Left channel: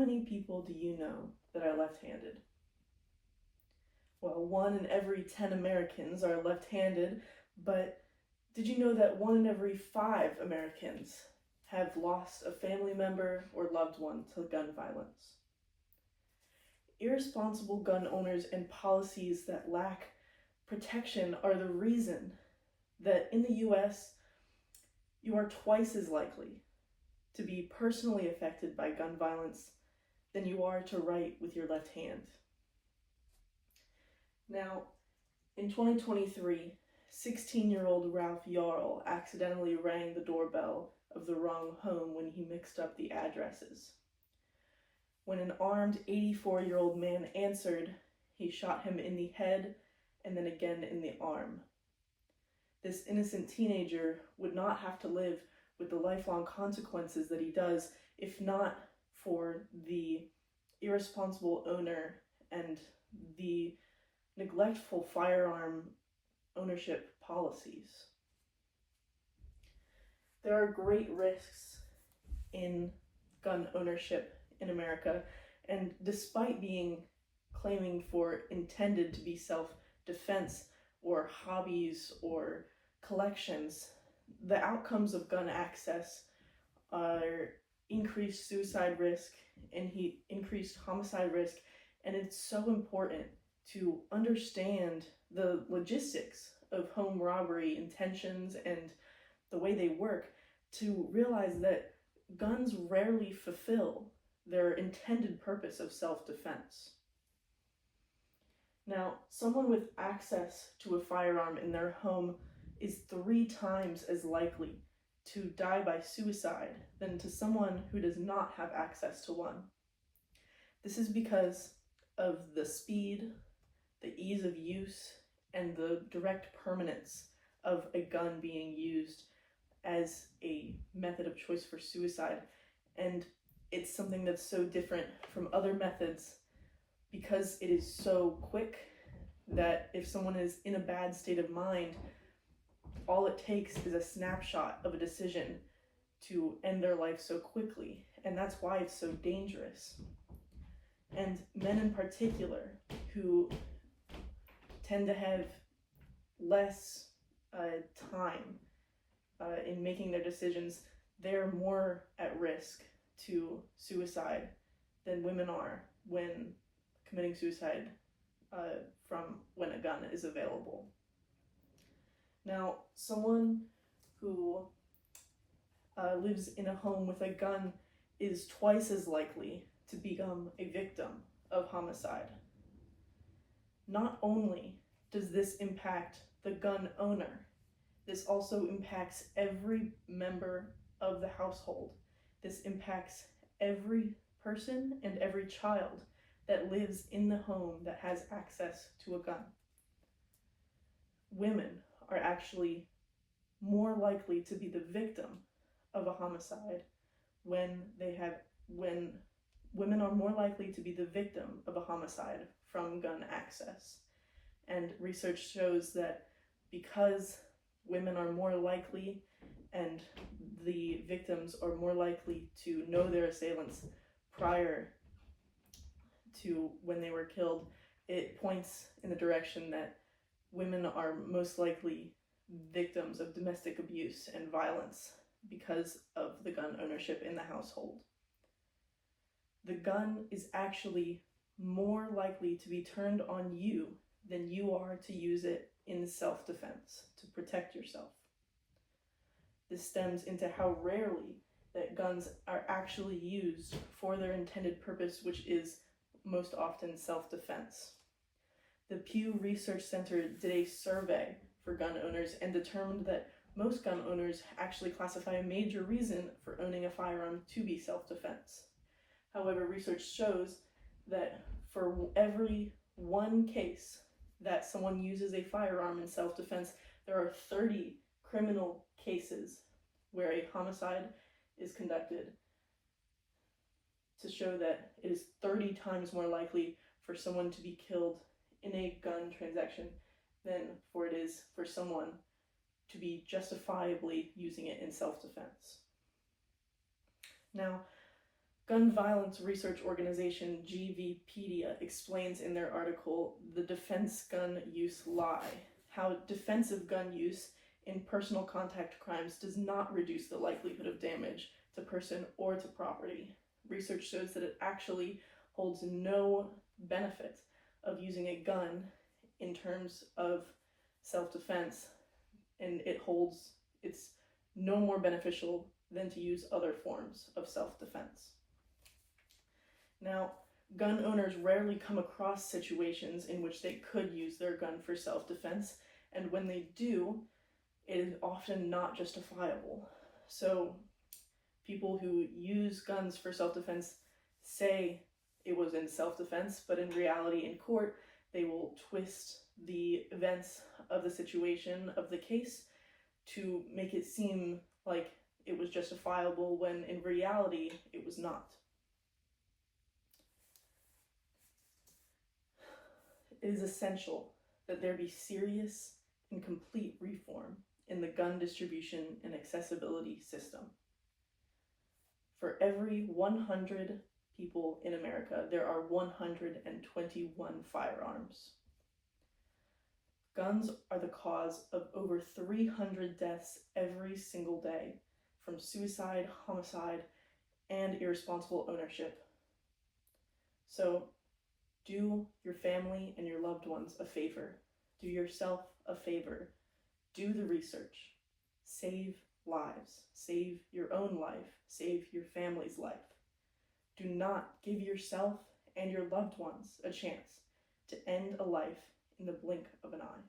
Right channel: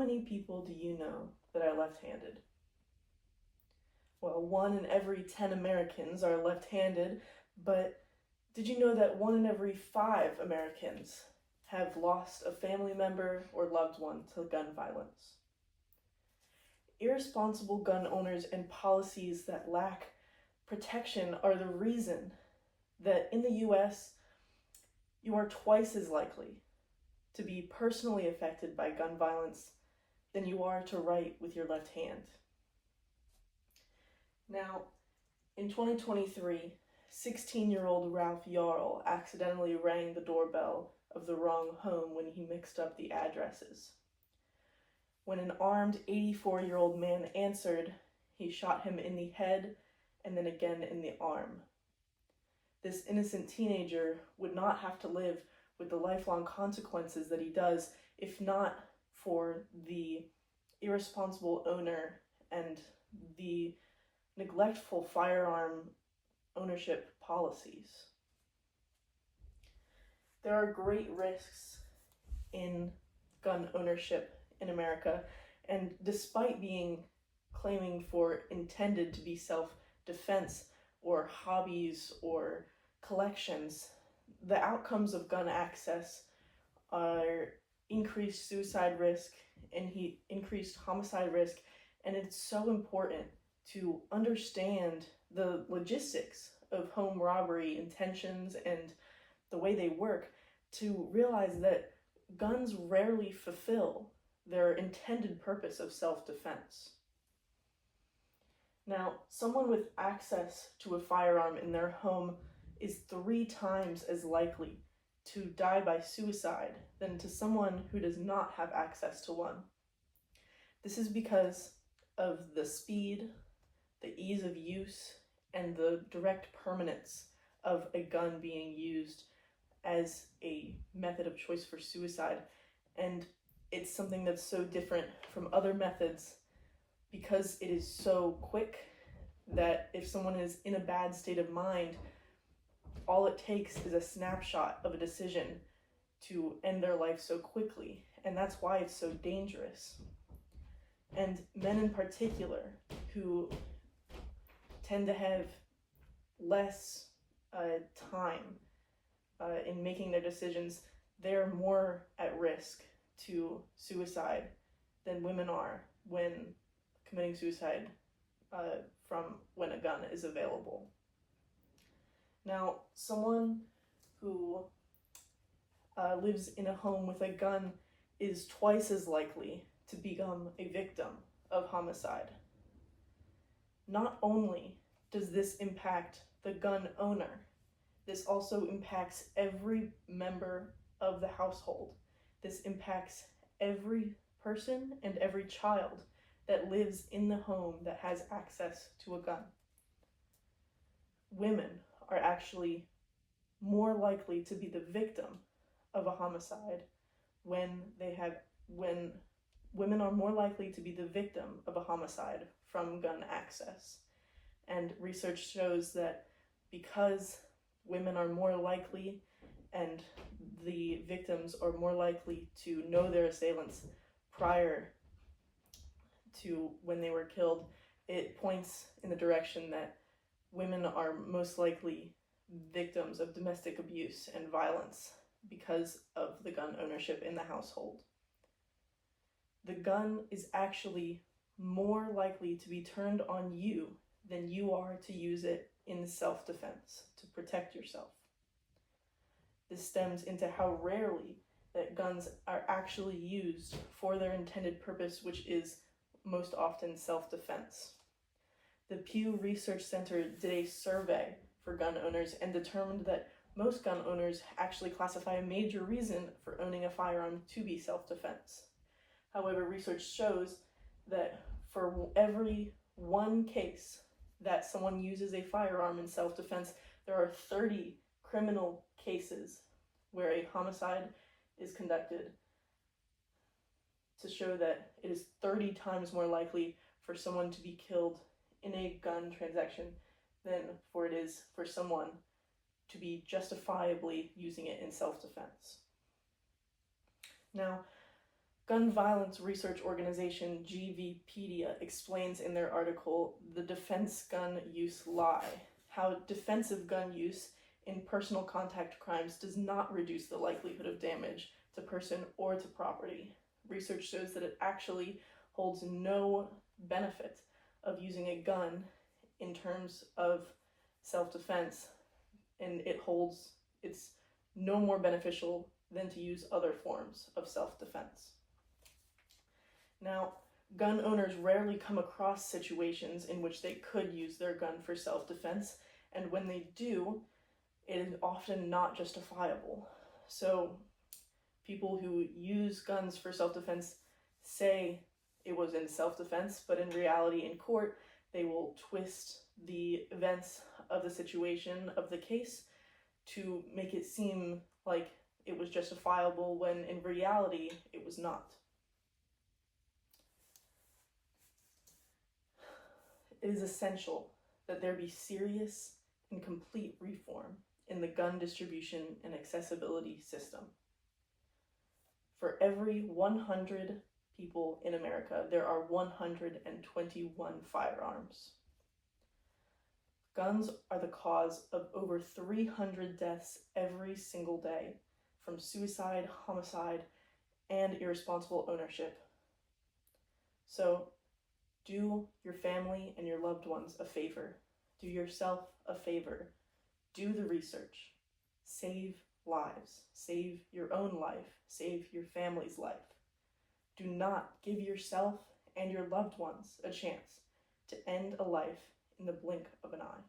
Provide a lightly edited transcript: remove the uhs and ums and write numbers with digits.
many people do you know that are left-handed? Well, 1 in every 10 Americans are left-handed, but did you know that 1 in every 5 Americans have lost a family member or loved one to gun violence? Irresponsible gun owners and policies that lack protection are the reason that in the US, you are twice as likely to be personally affected by gun violence than you are to write with your left hand. Now, in 2023, 16-year-old Ralph Yarl accidentally rang the doorbell of the wrong home when he mixed up the addresses. When an armed 84-year-old man answered, he shot him in the head and then again in the arm. This innocent teenager would not have to live with the lifelong consequences that he does if not for the irresponsible owner and the neglectful firearm ownership policies. There are great risks in gun ownership in America, and despite claiming for intended to be self-defense or hobbies or collections, the outcomes of gun access are increased suicide risk and increased homicide risk, and it's so important to understand the logistics of home robbery intentions and the way they work to realize that guns rarely fulfill their intended purpose of self-defense. Now, someone with access to a firearm in their home is 3 times as likely to die by suicide than to someone who does not have access to one. This is because of the speed, the ease of use, and the direct permanence of a gun being used as a method of choice for suicide. And it's something that's so different from other methods because it is so quick that if someone is in a bad state of mind, all it takes is a snapshot of a decision to end their life so quickly, and that's why it's so dangerous. And men in particular, who tend to have less time in making their decisions, they're more at risk to suicide than women are when committing suicide from when a gun is available. Now, someone who lives in a home with a gun is twice as likely to become a victim of homicide. Not only does this impact the gun owner, this also impacts every member of the household. This impacts every person and every child that lives in the home that has access to a gun. Women are actually more likely to be the victim of a homicide when women are more likely to be the victim of a homicide from gun access. And research shows that because women are more likely and the victims are more likely to know their assailants prior to when they were killed, it points in the direction that women are most likely victims of domestic abuse and violence because of the gun ownership in the household. The gun is actually more likely to be turned on you than you are to use it in self-defense, to protect yourself. This stems into how rarely that guns are actually used for their intended purpose, which is most often self-defense. The Pew Research Center did a survey for gun owners and determined that most gun owners actually classify a major reason for owning a firearm to be self-defense. However, research shows that for every 1 case that someone uses a firearm in self-defense, there are 30 criminal cases where a homicide is conducted, to show that it is 30 times more likely for someone to be killed in a gun transaction than for it is for someone to be justifiably using it in self-defense. Now, Gun violence research organization GVpedia explains in their article, The Defense Gun Use Lie, how defensive gun use in personal contact crimes does not reduce the likelihood of damage to person or to property. Research shows that it actually holds no benefit of using a gun in terms of self-defense, and it's no more beneficial than to use other forms of self-defense. Now, gun owners rarely come across situations in which they could use their gun for self-defense, and when they do, it is often not justifiable. So people who use guns for self-defense say it was in self-defense, but in reality in court, they will twist the events of the situation, of the case, to make it seem like it was justifiable when in reality it was not. It is essential that there be serious and complete reform in the gun distribution and accessibility system. For every 100 people in America, there are 121 firearms. Guns are the cause of over 300 deaths every single day from suicide, homicide, and irresponsible ownership. So do your family and your loved ones a favor. Do yourself a favor. Do the research. Save lives. Save your own life. Save your family's life. Do not give yourself and your loved ones a chance to end a life in the blink of an eye.